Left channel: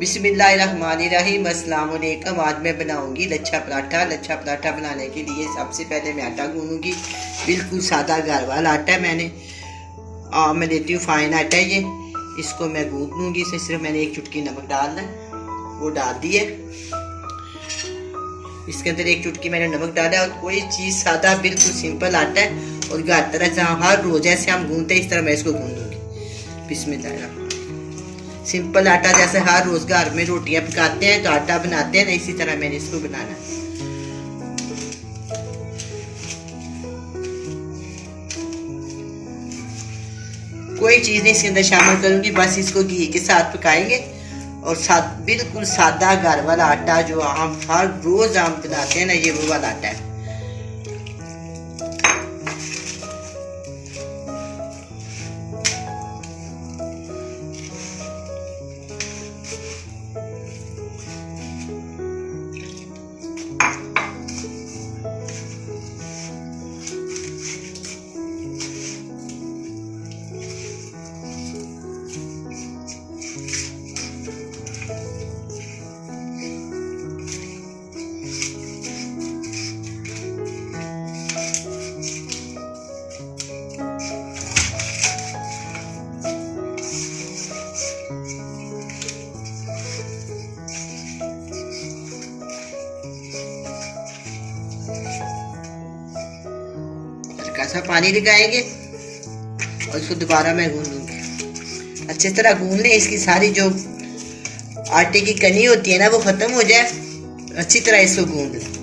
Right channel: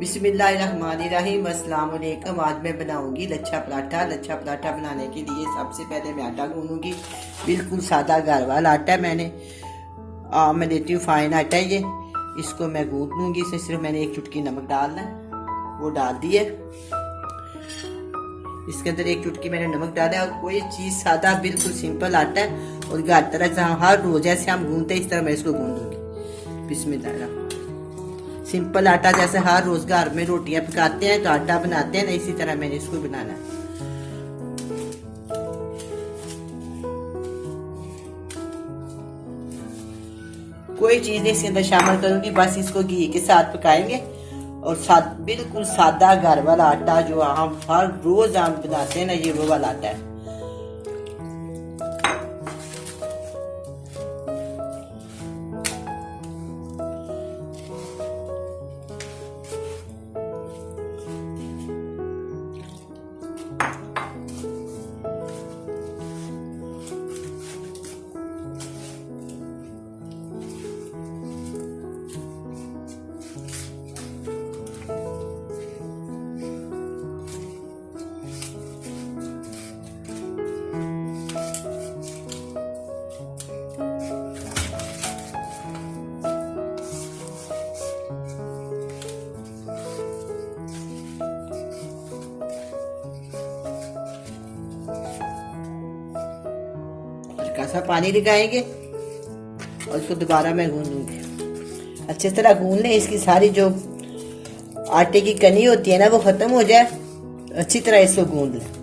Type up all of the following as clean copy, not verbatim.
बिस्मिल्लाहिर्रहमानिर्रहीम। अस्सलाम वालेकुम। आज मैं बनाऊंगी लच्छा पराठा। लच्छा पराठा बनाने के लिए सबसे पहले मैं आटा गूंदूंगी। बिल्कुल सादा घर वाला आटा है। मैं लेती हूँ फाइन आटा है ये। इसको मैं गूंद लूँगी। इसे सिर्फ मैंने एक चुटकी नमक डालना है, वो डाल दिए। इसके अंदर एक चुटकी मैंने नमक डाला। और कोई चीज़ सादा बिल्कुल सिंपल आटा है और घर तरह से हर रोज जैसे हम गूंदते इस तरह मैं इसको गूंदूंगी। बिस्मिल्लाह। सिंपल आटा जैसे हर रोज घर में रोटियां पकाते हैं, आटा बनाते हैं, इसी तरह मैंने इसको बनाना है। कोई चीज़ नहीं इसके अंदर शामिल करूंगी, बस इसको घी के साथ पकाएंगे। और बिल्कुल सादा घर वाला आटा जो हम हर रोज हम बनाते हैं ना, ये वो वाला आटा है। कैसा पानी लगाएंगे और इसको दोबारा मैं गूंद लूँगी। अच्छी तरह गूंद लें। इसकी सारी जो आटे की कनी होती है ना, वो ख़त्म हो जाए। अच्छी तरह इसको गूंद लें।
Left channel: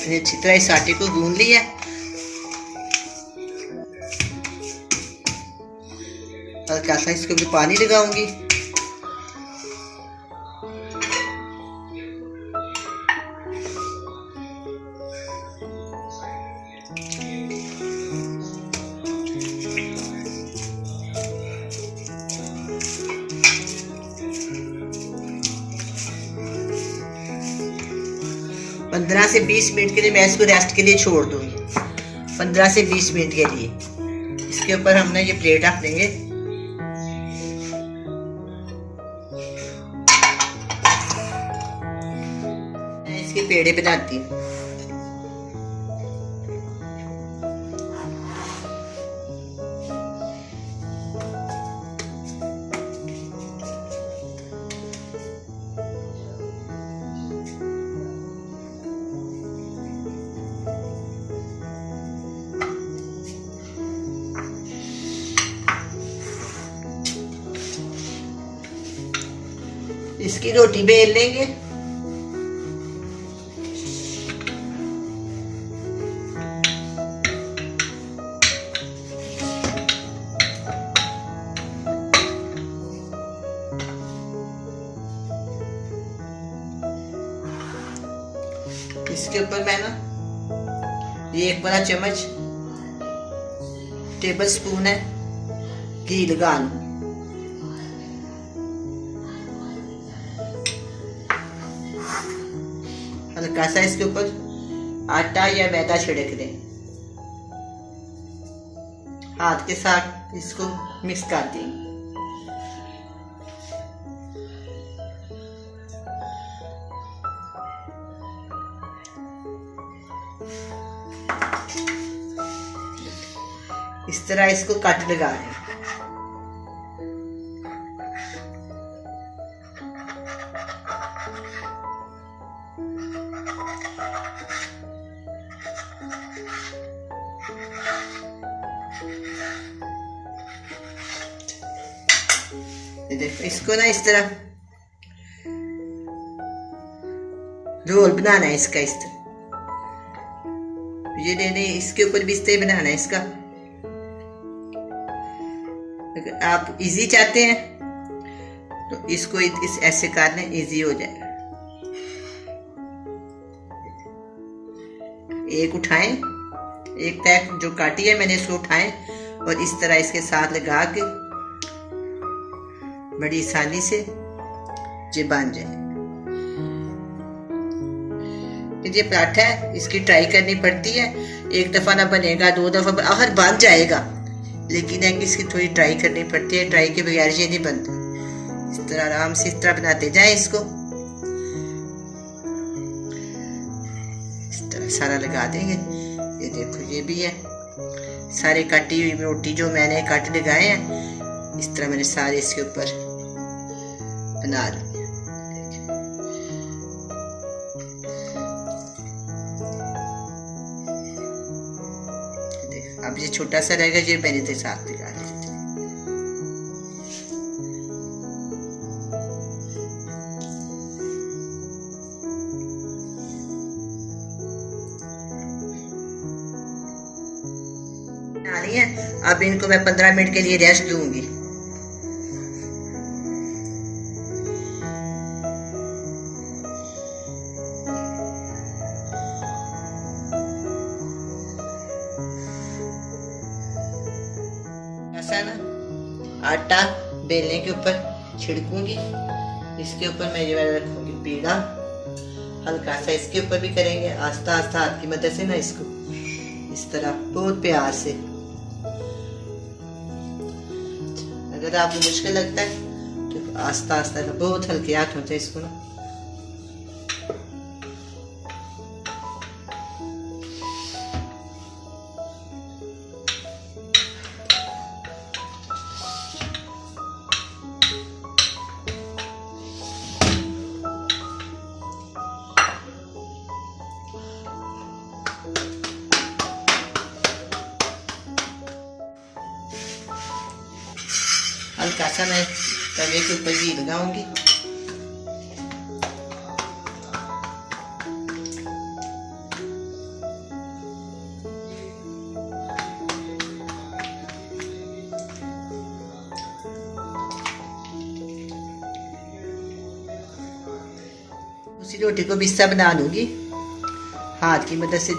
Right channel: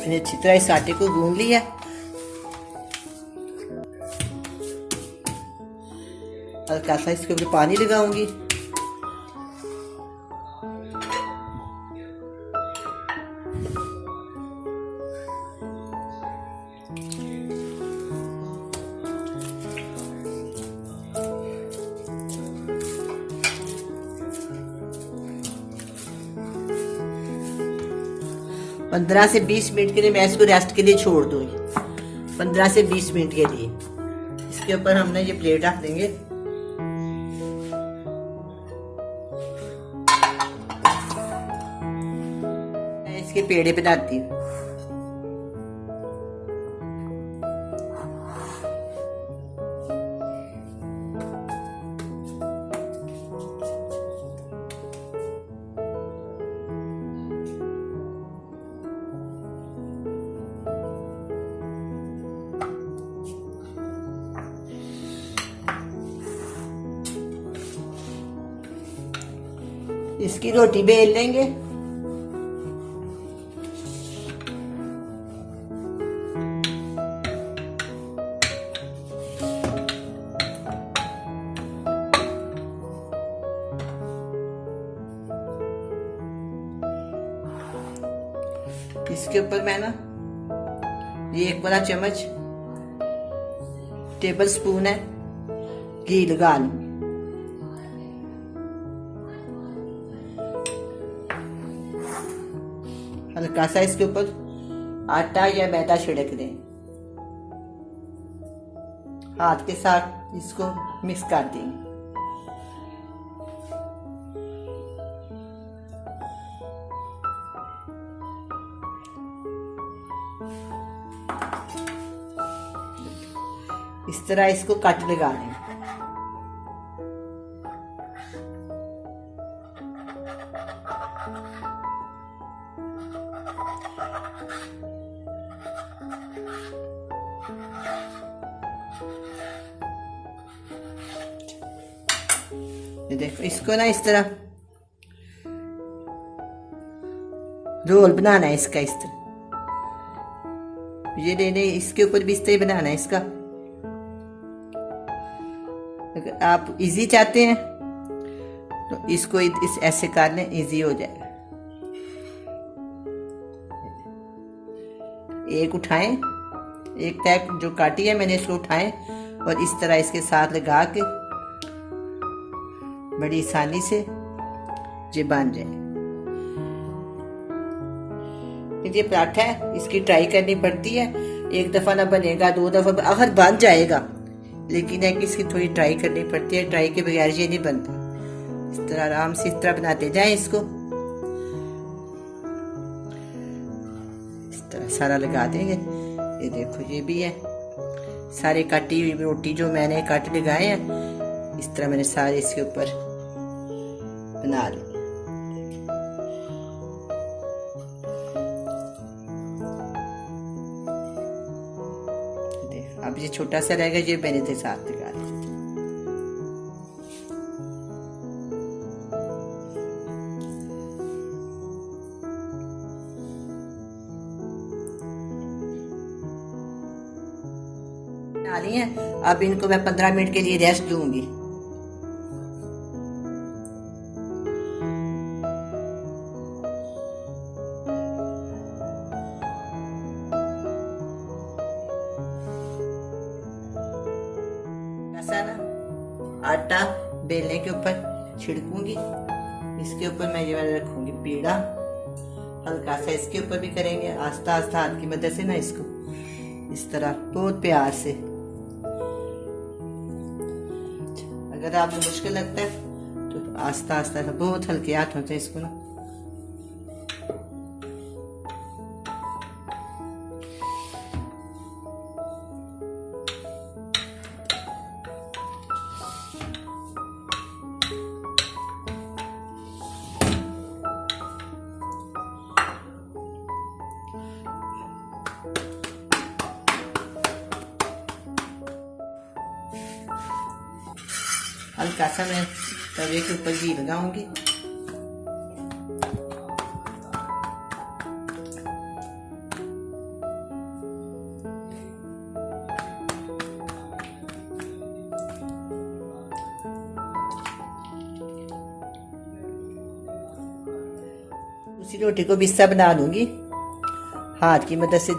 मैंने अच्छी तरह इस आटे को गूंद लिया। हल्का सा इसके ऊपर पानी लगाऊंगी। पंद्रह से 20 मिनट के लिए मैं इसको रेस्ट के लिए छोड़ दूंगी। 15 से 20 मिनट के लिए। इसके ऊपर हमने ये प्लेट रख देंगे। मैं इसके पेड़े बनाती हूँ। इसकी रोटी बेल लेंगे। इसके ऊपर मैं ना ये 1 बड़ा चम्मच टेबल स्पून है घी लगा लूं। हल्का सा इसके ऊपर आटा या मैदा छिड़क दें। हाथ के साथ इसको मिक्स कर दें। इस तरह इसको कट लगाएं। ये देखो, इसको ना इस तरह रोल बनाना है इसका, इस तरह ये लेने, इसके ऊपर भी इस तरह बनाना है इसका। अगर आप इजी चाहते हैं तो इसको इस ऐसे करने इजी हो जाएगा। एक उठाएं, एक टैप जो काटी है मैंने इसको उठाएं और इस तरह इसके साथ लगा के बड़ी आसानी से ये बन जाए। ये पराठा है, इसकी ट्राई करनी पड़ती है। एक दफा ना बनेगा, 2 दफा आखिर बन जाएगा, लेकिन है कि इसकी थोड़ी ट्राई करनी पड़ती है। ट्राई के बगैर ये नहीं बनता। इस तरह आराम से इस तरह बनाते जाए इसको, इस तरह सारा लगा देंगे। ये देखो ये भी है, सारे कटी हुई रोटी जो मैंने काट लगाए हैं, इस तरह मैंने सारे इसके ऊपर बना लिए। अब ये छोटा सा रहेगा, ये मैंने तो साथ लगा दिया। अब इनको मैं 15 मिनट के लिए रेस्ट दूंगी। ऐसा ना आटा बेलने के ऊपर छिड़कूंगी, इसके ऊपर मैं ये वाला रखूंगी पेड़ा, हल्का सा इसके ऊपर भी करेंगे, आस्ता आस्ता हाथ की मदद से ना इसको इस तरह बहुत प्यार से। अगर आपको मुश्किल लगता है तो आस्ता आस्ता बहुत हल्के हाथों से इसको ना हल्का सा मैं तवे के ऊपर घी लगाऊंगी। उसी रोटी को बिस्सा बना लूंगी हाथ की मदद से।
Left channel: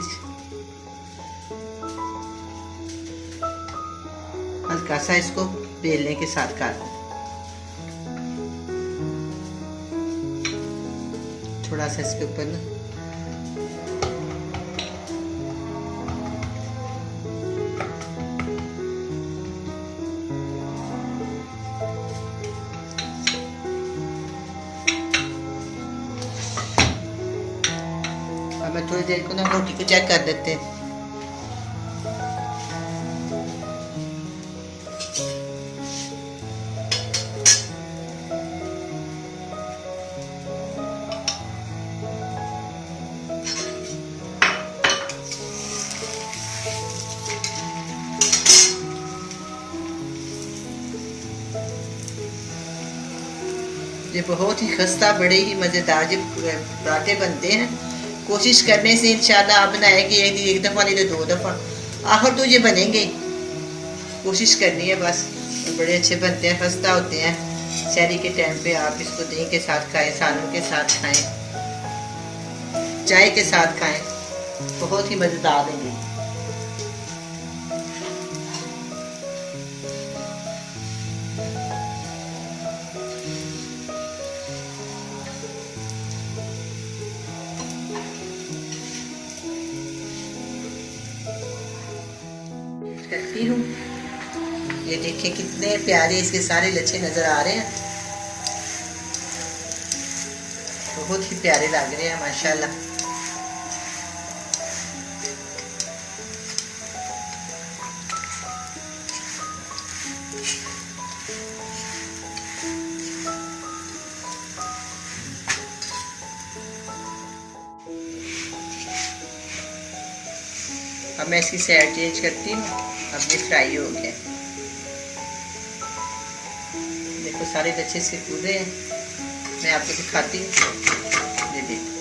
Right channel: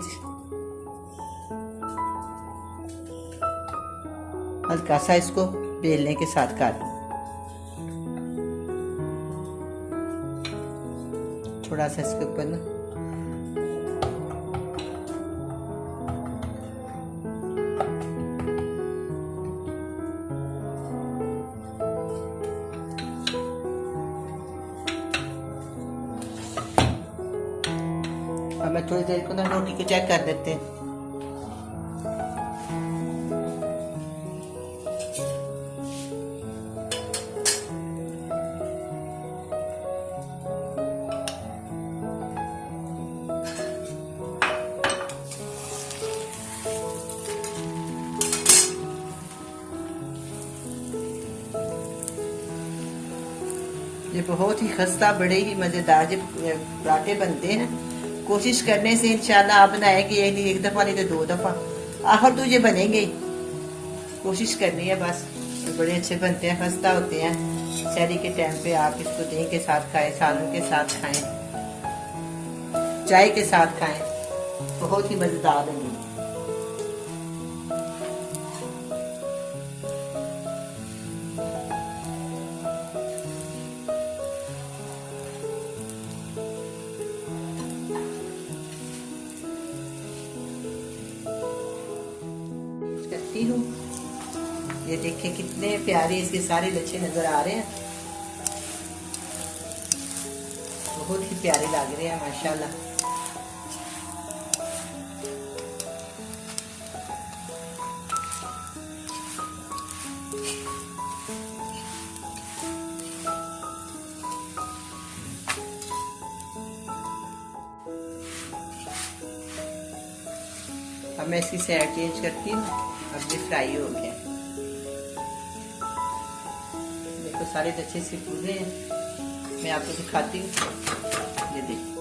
हल्का सा इसको बेलने के साथ काट, थोड़ा सा इसके ऊपर ना अब मैं थोड़ी देर को ना रोटी को चेक कर देते हैं। ये बहुत ही खस्ता बड़े ही मज़ेदार जो पराठे बनते हैं। कोशिश करने से इंशाल्लाह आप बनाएंगे एक दफ़ा नहीं तो 2 दफ़ा, आखिर तो ये बनेंगे। कोशिश करनी है बस, तो बड़े अच्छे बनते हैं, खस्ता होते हैं। शहरी के टाइम पे आप इसको दही के साथ खाएं, सालन के साथ खाएं, चाय के साथ खाएं, बहुत ही मज़ेदार बनेंगे। करती हूँ, ये देखें कितने प्यारे इसके सारे लच्छे नजर आ रहे हैं, बहुत ही प्यारे लग रहे हैं माशाल्लाह। अब मैं इसकी साइड चेंज करती हूँ। अब ये फ्राई हो गया, तो सारे लच्छे से कूदे हैं, मैं आपको दिखाती हूँ। ये देखो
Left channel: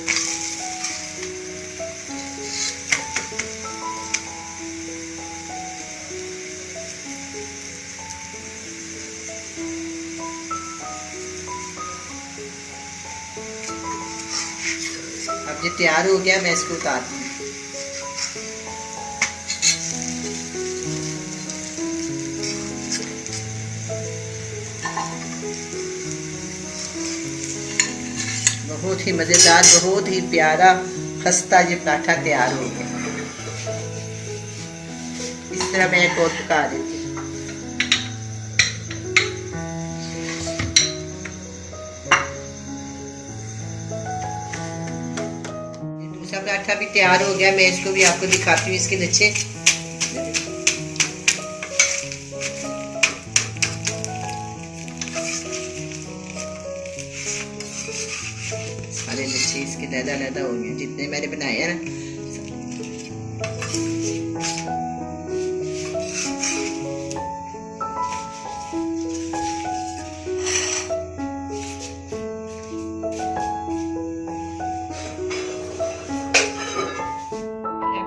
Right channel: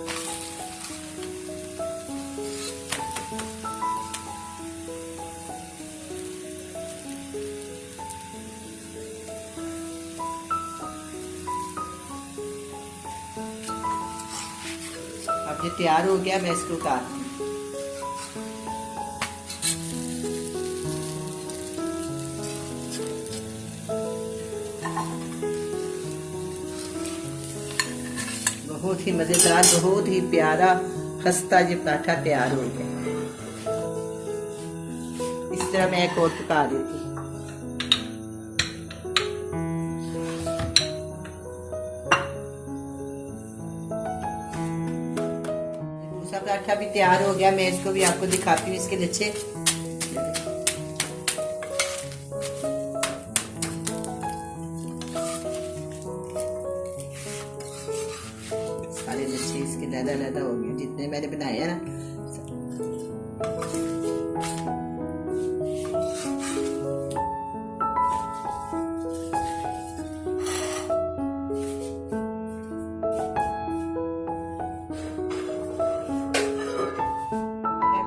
अब ये तैयार हो गया, मैं इसको उतारती हूँ। बहुत ही मज़ेदार, बहुत ही प्यारा खस्ता ये पराठा तैयार हो गया। इस तरह मैं एक और पका देती हूँ। दूसरा पराठा भी तैयार हो गया, मैं इसको भी आपको दिखाती हूँ इसके लच्छे। सारे लच्छे इसके लैदा हो गए जितने मैंने बनाए हैं ना।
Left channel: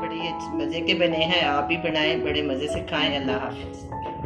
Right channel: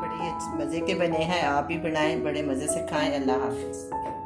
बड़े मज़े के बने हैं, आप भी बनाएं, बड़े मज़े से खाएं। अल्लाह हाफिज़।